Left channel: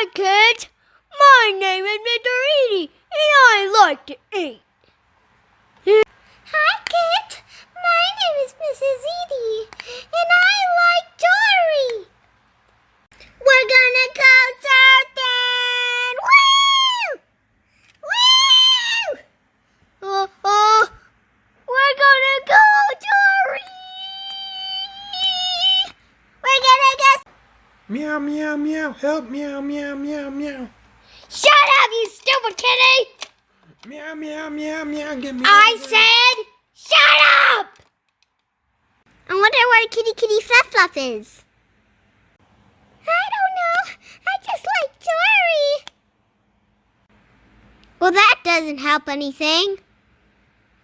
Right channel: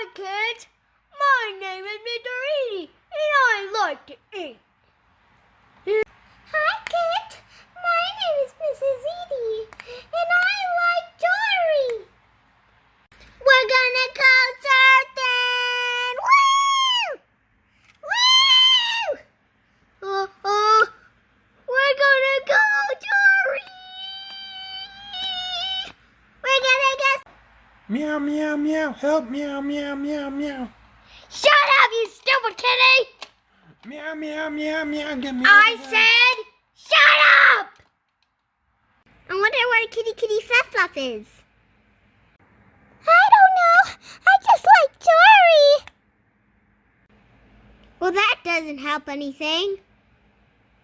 Hi, kids. My name is Mr. Edie, and I like to eat. Hi, kids. My name is Mrs. Edie, and I like Dory. We're gonna go surfing! Woo! Woo! We're gonna go, Dory. We're gonna go. Meow, meow, meow. Help, meow, meow, meow, meow. Shut up, you stupid kitty. Meow, meow, meow, meow. Get me I out of there. said, shut up. I wonder where Kitty Kitty Fluff Fluff is. I don't know. I just like Dory. Well, that doesn't help anything.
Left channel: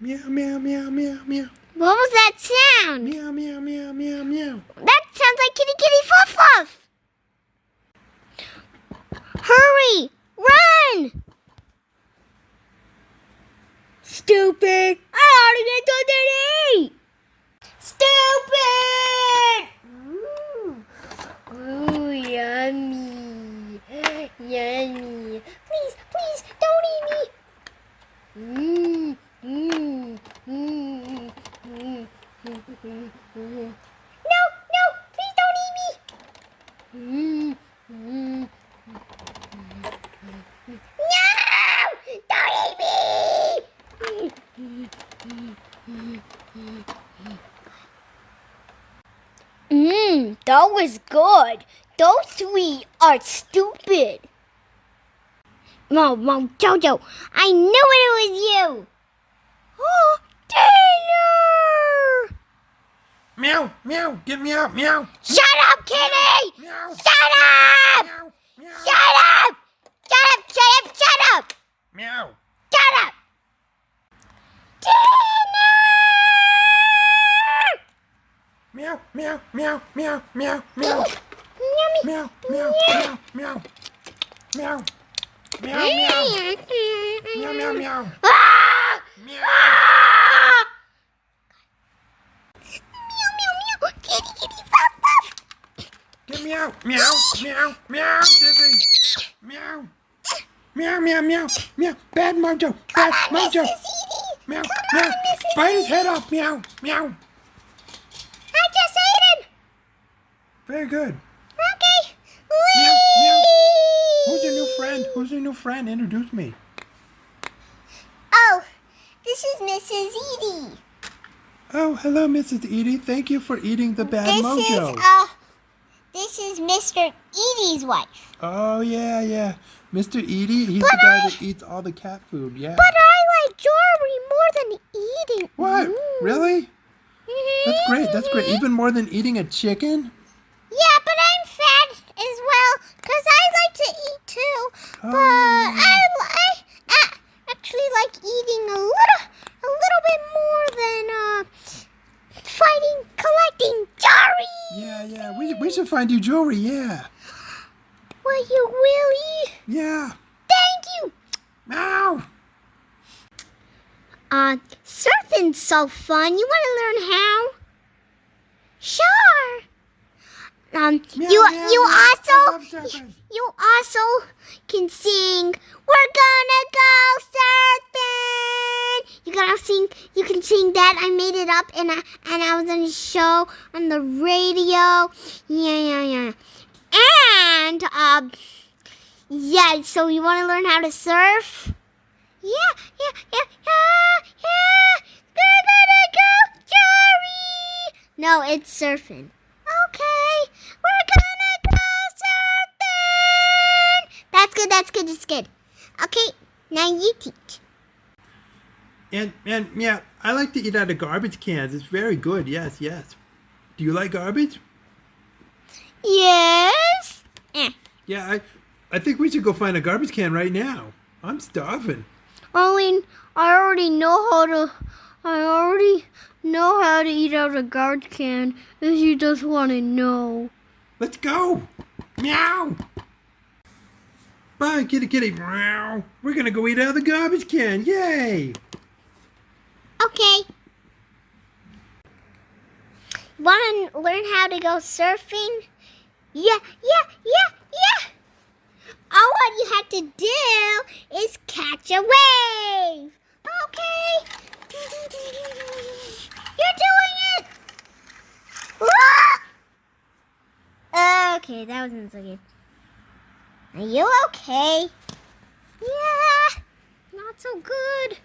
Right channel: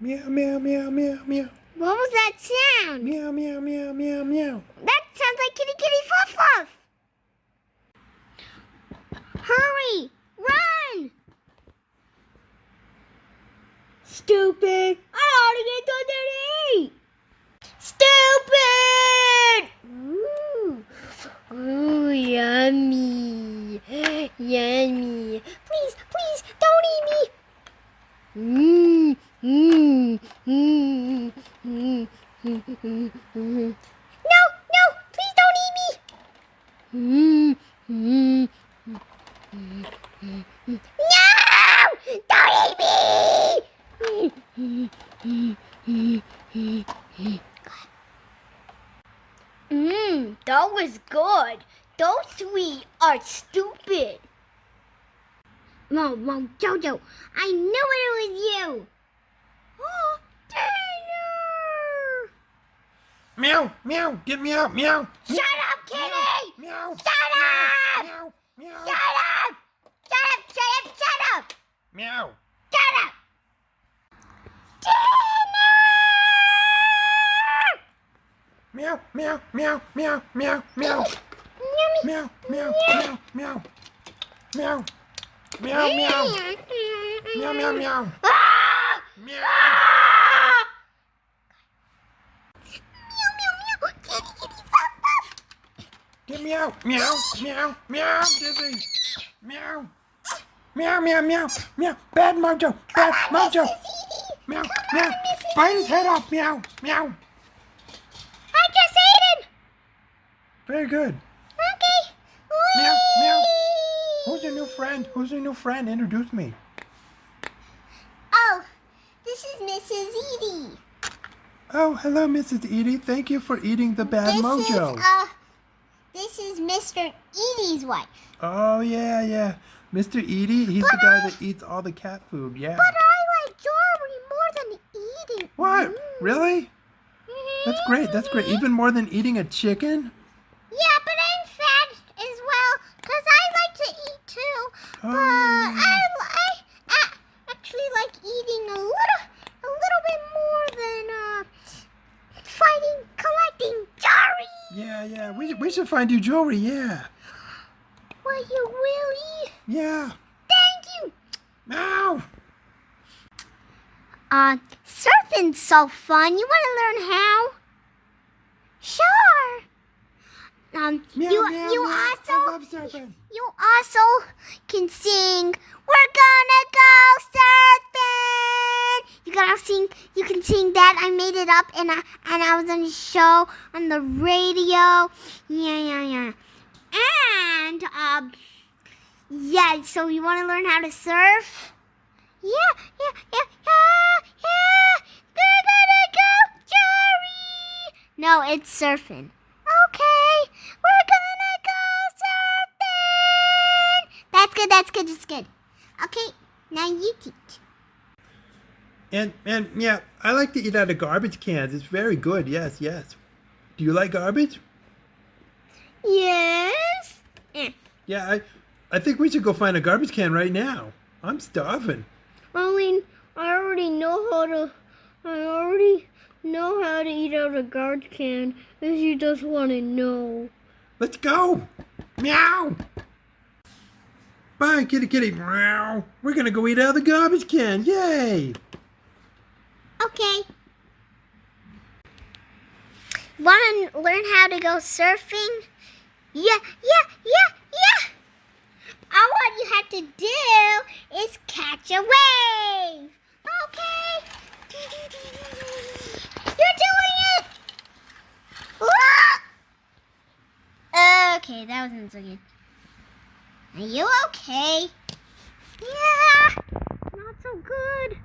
Meow, meow, meow, meow, meow. What was that sound? Meow, meow, meow, meow, meow. That sounds like Kitty Kitty Fluff Fluff. Hurry! Run! Stupid. I ought to get something to eat. Stupid. Ooh, yummy. Yummy. Please, please, don't eat me. Mmm, mmm, mmm, mmm, mmm, No, no, please don't eat me. mmm, mmm. No! Don't eat me! That was good. Those three are stupid. Mom, Jojo, I knew it was you. Oh, dinner! Meow, meow. Get me out, meow. Shut up, Kitty! Meow. Shut up! Meow, meow. Shut up! Shut up, shut up, shut up! Meow. Shut up! Meow, meow, meow, meow, meow, meow. Yummy. Meow, meow, meow, meow. Meow. Meow, meow. Meow, meow, meow. Ah! Meow. Ah! Meow, meow, meow. Kitty, kitty, fuff, fuff. Get me out. Meow, meow, meow. Dizzy. Meow. Meow, meow, meow, meow. Bad mojo. Bad mojo. Meow, meow. Bite his head off. Meow, meow. I just ate him. Very good. Okay. Meow, meow. Who's your new friend? Who's your new friend? Introduce me. Oh, this is Mrs. Edie. Oh, hello, Mrs. Edie. Thank you for eating the bad mojo. This is Mr. Edie's wife. Oh, yeah, yeah. Mr. Edie, he's the guy that eats all the cat food, yeah. But I like Dory more than eating. What? Really? That's great. That's great. Even more than eating a chicken? Yeah, but I'm fat as well because I like to eat too. But Oh. I actually like eating a little bit more than fighting, collecting Dory. Yeah, yeah. We should find you jewelry, yeah. Will you really? Yeah. Thank you. Ow! Surfing's so fun. You want to learn how? Sure. Meow, You meow, meow. I love surfing. You also can sing. We're gonna go surfing. You can sing that. I made it up and I was on a show on the radio. Yeah. And yeah. So you want to learn how to surf? Yeah. We're gonna go, Jory. No, it's surfing. Okay, we're gonna go surfing. That's good. Okay, now you teach. And yeah, I like to eat out of garbage cans. It's very good. Yes. Do you like garbage? Yes. Yeah, I think we should go find a garbage can right now. I'm starving. I already know how to eat out of a garbage can if you just want to know. Let's go. Meow. Bye, kitty, kitty. Meow. We're gonna go eat out of the garbage can. Yay. Okay. Want to learn how to go surfing? Yeah. to do is catch a wave. Okay. You're doing it. Okay, that wasn't so good. Are you okay? Yeah, not so good.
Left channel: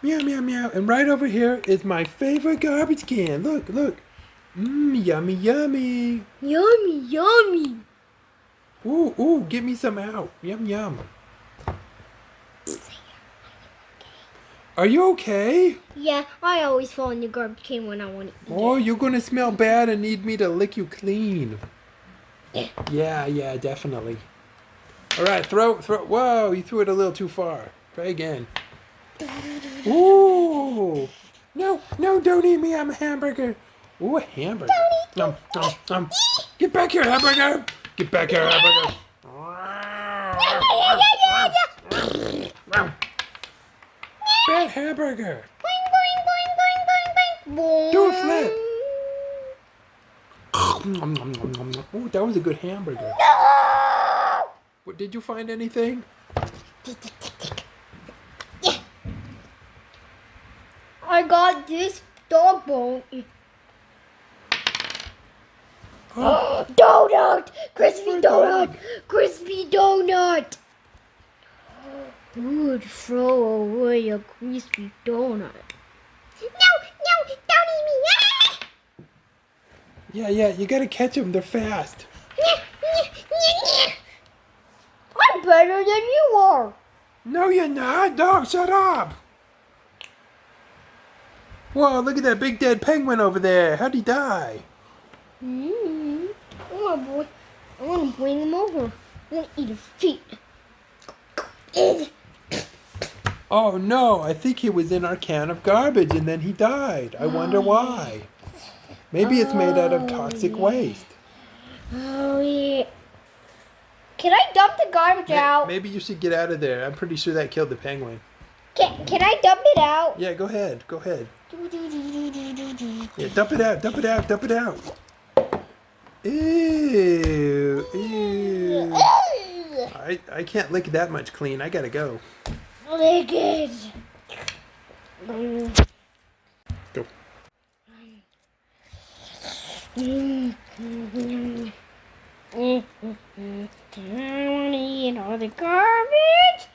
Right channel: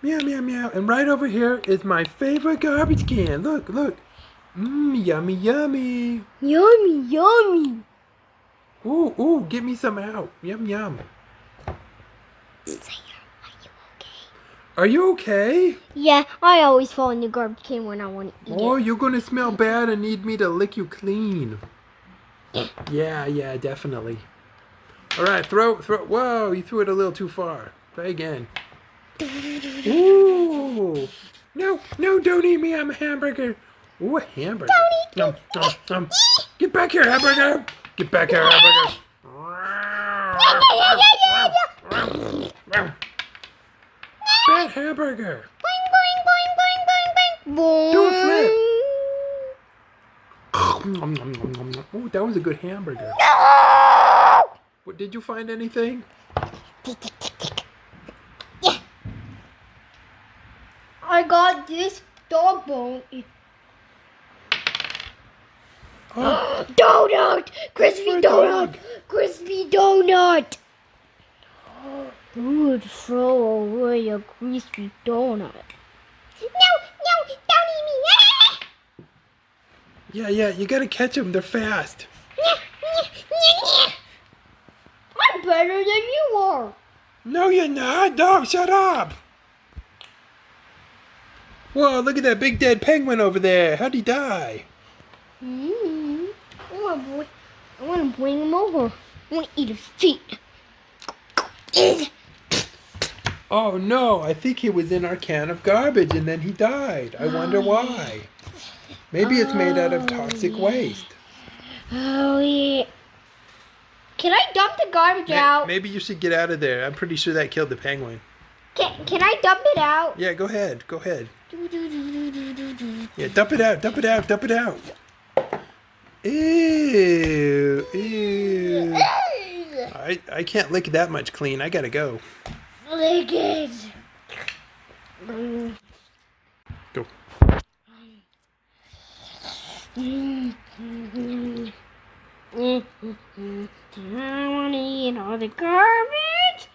Meow, meow, meow. And right over here is my favorite garbage can. Look, look. Mmm, yummy, yummy. Yummy, yummy. Ooh, ooh, get me some out. Yum, yum. Are you okay? Yeah, I always fall in the garbage can when I want to eat Oh, it. you're gonna smell bad and need me to lick you clean. Yeah, definitely. All right, throw. Whoa, you threw it a little too far. Try again. Ooh. No, don't eat me. I'm a hamburger. Ooh, a hamburger. Nom, nom, nom. Get back here, hamburger. Get back here, hamburger. Bad hamburger. Do a flip. Ooh, that was a good hamburger. What, did you find anything? I got this dog bone. Donut! Crispy donut! Crispy donut! Who would throw away a crispy donut? No, don't eat me. Yeah, you gotta catch them. They're fast. I'm better than you are. No, you're not. No, shut up. Whoa, look at that big dead penguin over there. How'd he die? Oh boy, I want to bring him over. I want to eat his feet. Oh no, I think he was in our can of garbage and then he died. I wonder why. Maybe it's made out of toxic waste. Oh yeah. Can I dump the garbage out? Maybe you should get out of there. I'm pretty sure that killed the penguin. Can I dump it out? Yeah, go ahead. Yeah, dump it out. Ew. I can't lick that much clean. I gotta go. Lick it. Go. I want to eat all the garbage.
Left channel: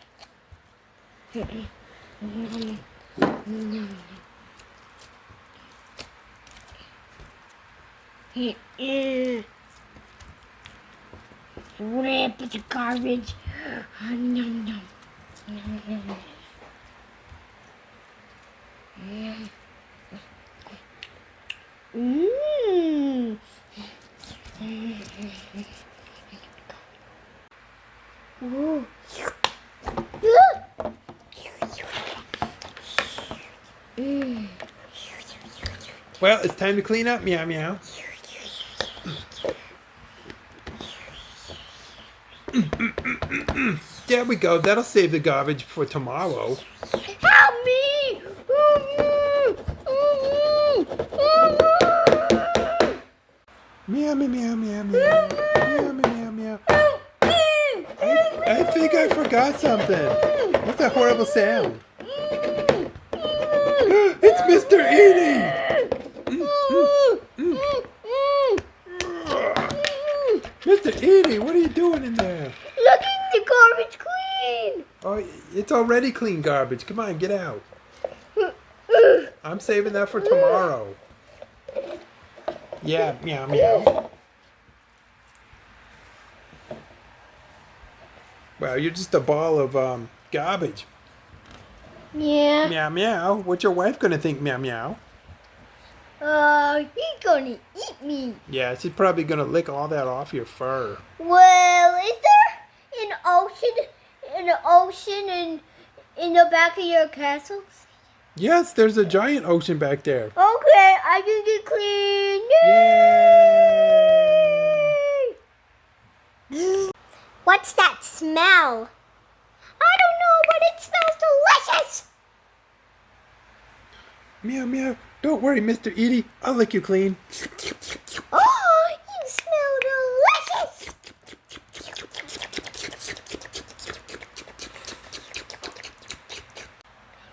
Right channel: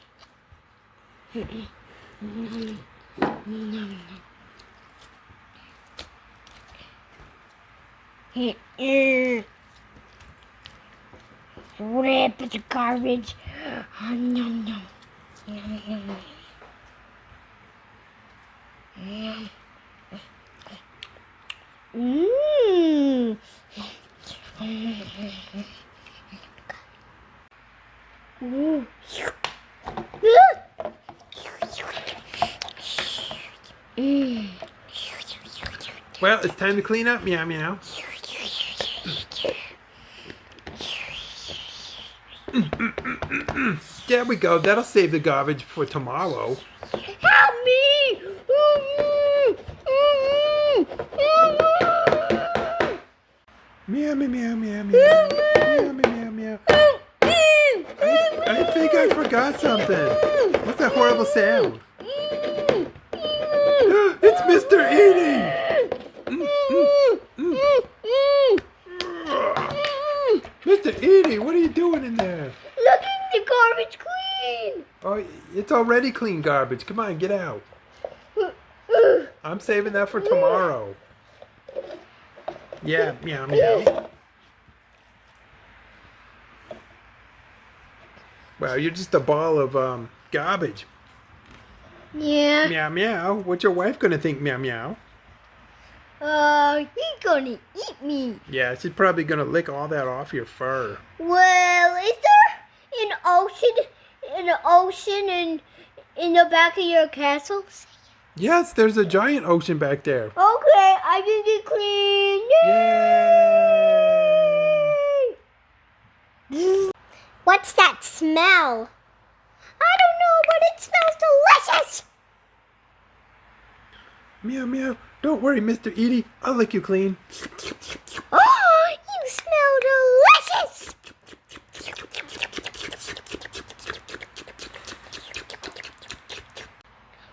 Rip the garbage. Yum, yum. Mmm. Ooh. Well, it's time to clean up. Meow, meow. There we go. That'll save the garbage for tomorrow. Help me! Meow, meow, meow, meow, meow. Meow, meow, meow, meow. I think I forgot something. What's that horrible sound? It's Mr. Edie! Mr. Edie, what are you doing in there? Looking the garbage clean! Oh, it's already clean garbage. Come on, get out. I'm saving that for tomorrow. Yeah, meow, meow. Wow, you're just a ball of garbage. Yeah. Meow, meow. What's your wife gonna think, meow, meow? He's gonna eat me. Yeah, she's probably gonna lick all that off your fur. Well, is there an ocean in the back of your castle? Yes, there's a giant ocean back there. Okay, I can get clean. Yay! smell? I don't know, but it smells delicious. Meow, meow. Don't worry, Mr. Edie. I'll lick you clean. Oh, you smell delicious.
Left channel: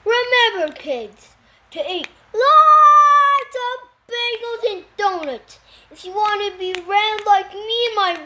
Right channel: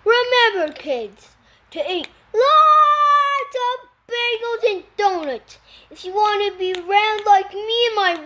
Remember, kids, to eat lots of bagels and donuts if you want to be round like me and my